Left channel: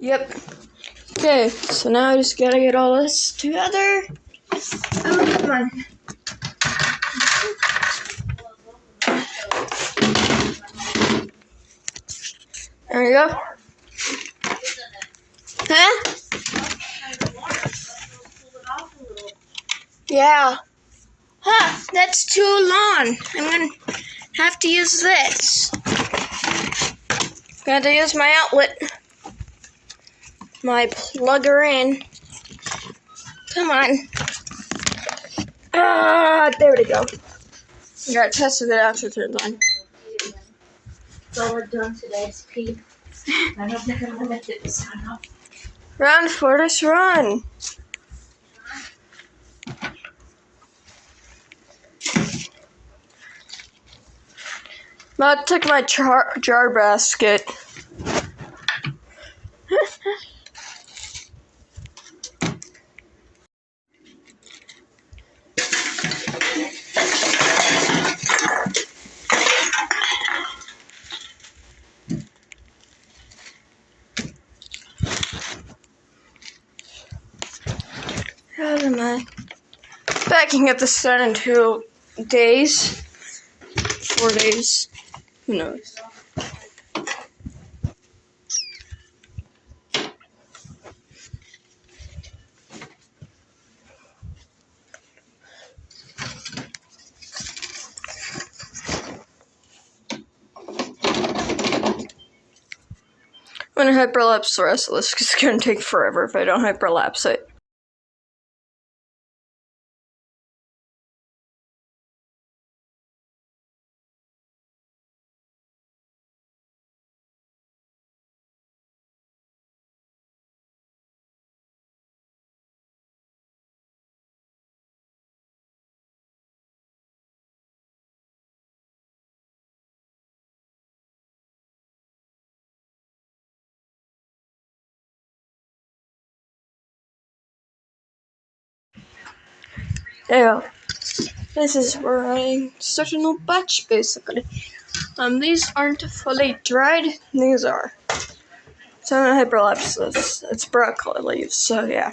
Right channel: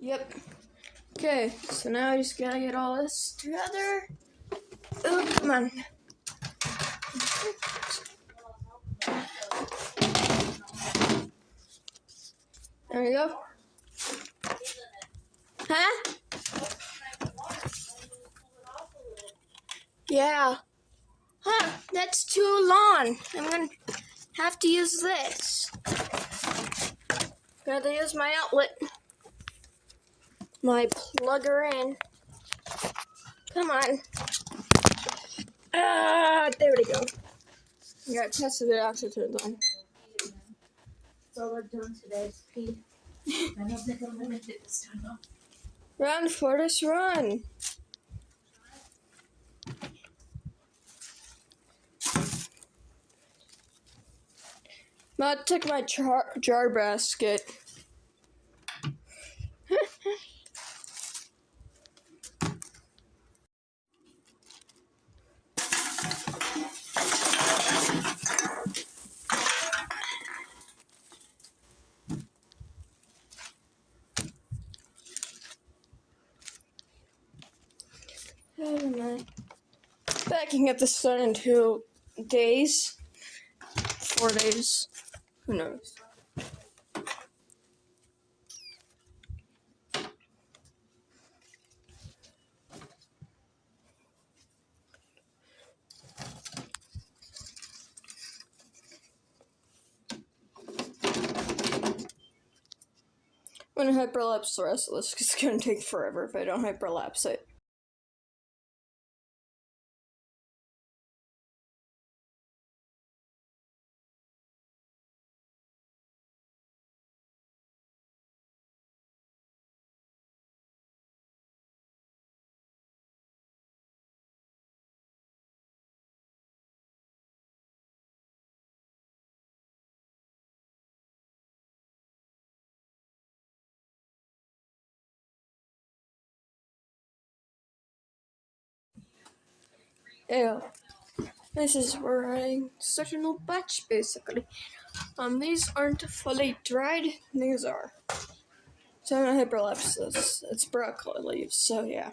Yep. Okay, so now I just gotta get all this together. Oh, come on. There we go. Huh? Yeah. Huh, that's too long. I'm gonna have to use this. Got to use my outlet. My plugger in. Come on. Ah, there we go. You gotta test if it actually turns on. That's all we're doing today is pee. I don't think I'm gonna make it this time though. Run, Fortis, run! About to take my jar basket. Oh my. Backing up the sun in 2 days. 4 days. Who knows? I'm gonna hyperlapse the rest of this because it's gonna take forever if I don't hyperlapse it. Yeah. This is where I start a new batch basically. These aren't fully dried, these are. So I'm gonna hyperlapse this. It's broccoli leaves, so yeah.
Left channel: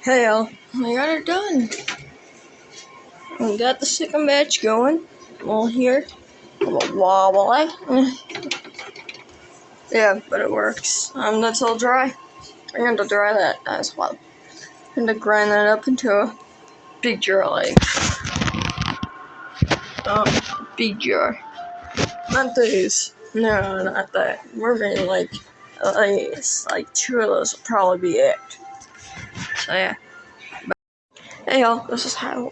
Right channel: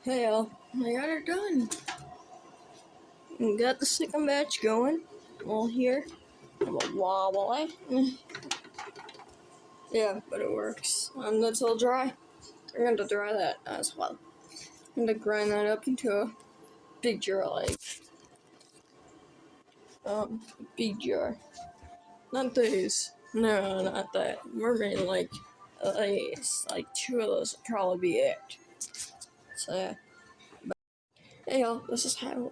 Hey y'all, I got it done. I got the second batch going. Well, here. A little wobbly. Yeah, but it works. That's all dry. I'm going to dry that as well. I'm going to grind that up into a big jar, like. Big jar. Not these. No, not that. We're getting like at least like 2 of those will probably be it. So yeah. But, hey y'all, this is how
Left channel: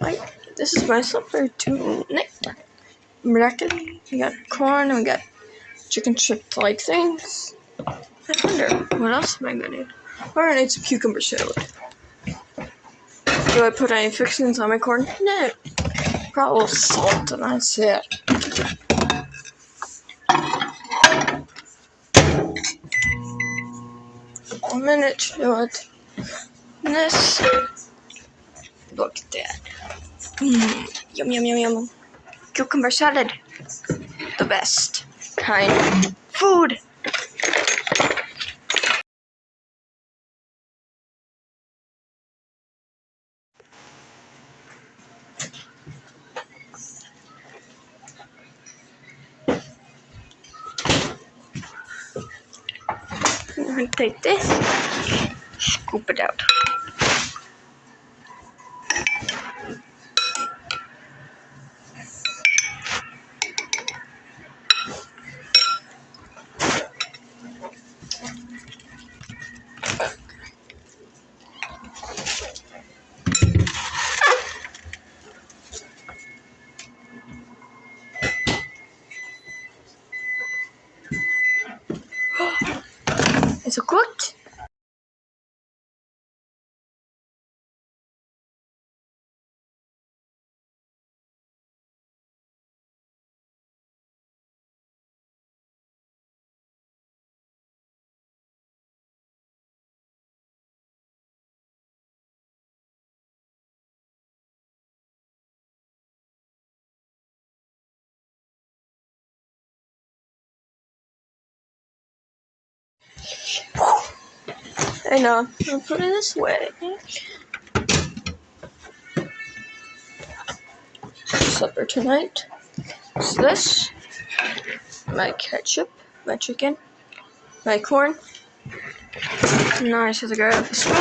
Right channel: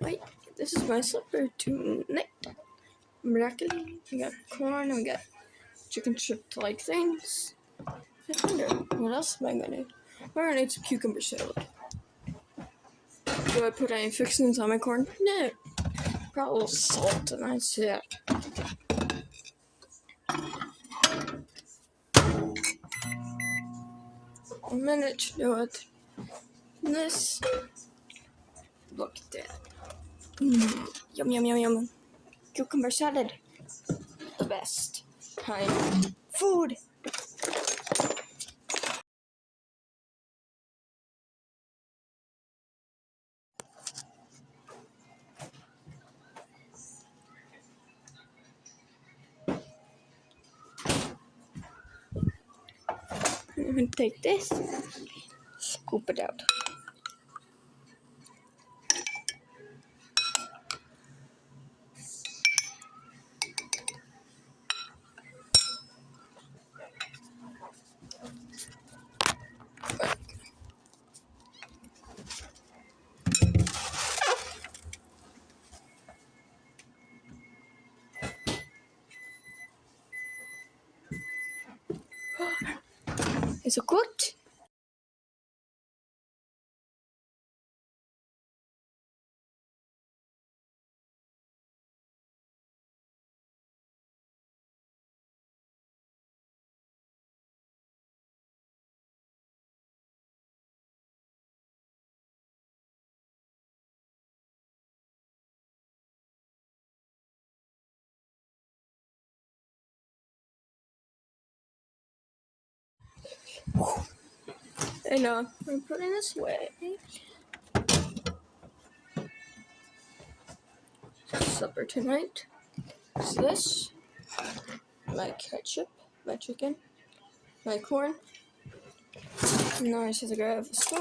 this is my supper to nectar. Broccoli, we got corn, and we got chicken strip like things. I wonder, what else am I gonna need? We're gonna need some cucumber salad. Do I put any fixings on my corn? No. Probably salt and that's it. 1 minute to do it. And this. Look at that. Yum, yum, yum, yum. Cucumber salad. The best kind of food. I'm gonna take this, scoop it out. And I'll put it this way. Supper tonight. So this, my ketchup, my chicken, my corn. Now I just have to grab a spoon.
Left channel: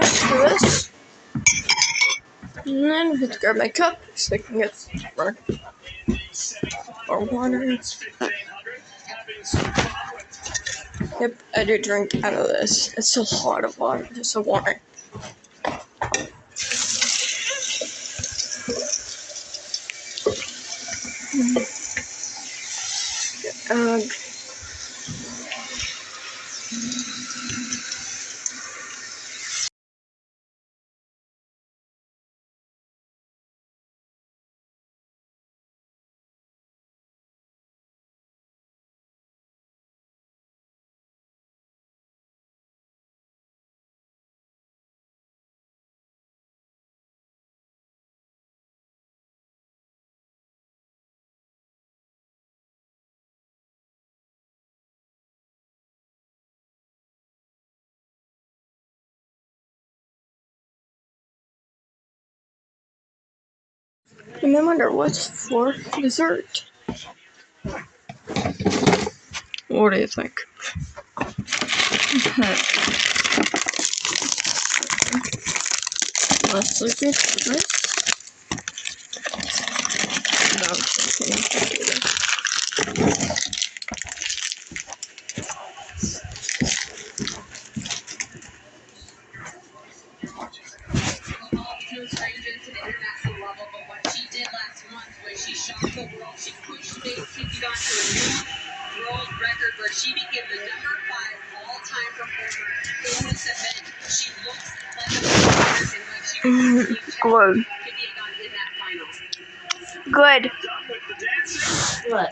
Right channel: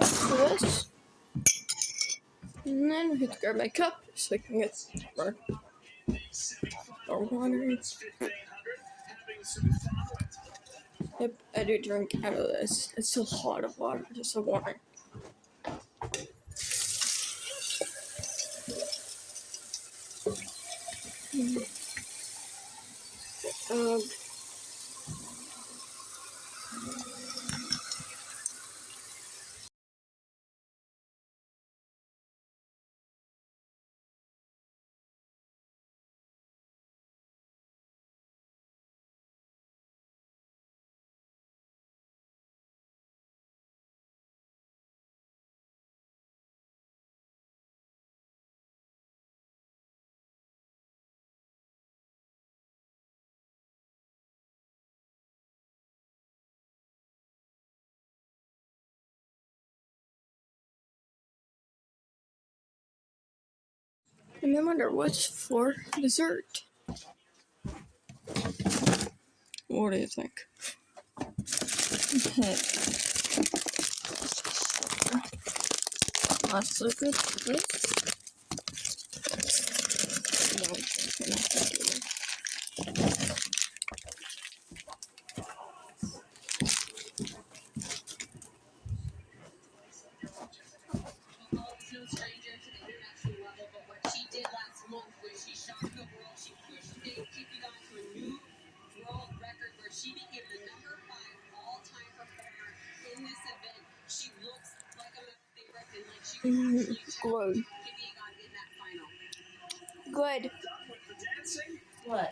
For this. And then I have to grab my cup so I can get more water. Yep, I do drink out of this. It's a lot of water, just a water. And I wonder what's for dessert. What do you think? Let's look at this. No, I'm just kidding. Where she became the number 5 all-time performer in this event. She looks like a and like she was Good. in that final. Good. What?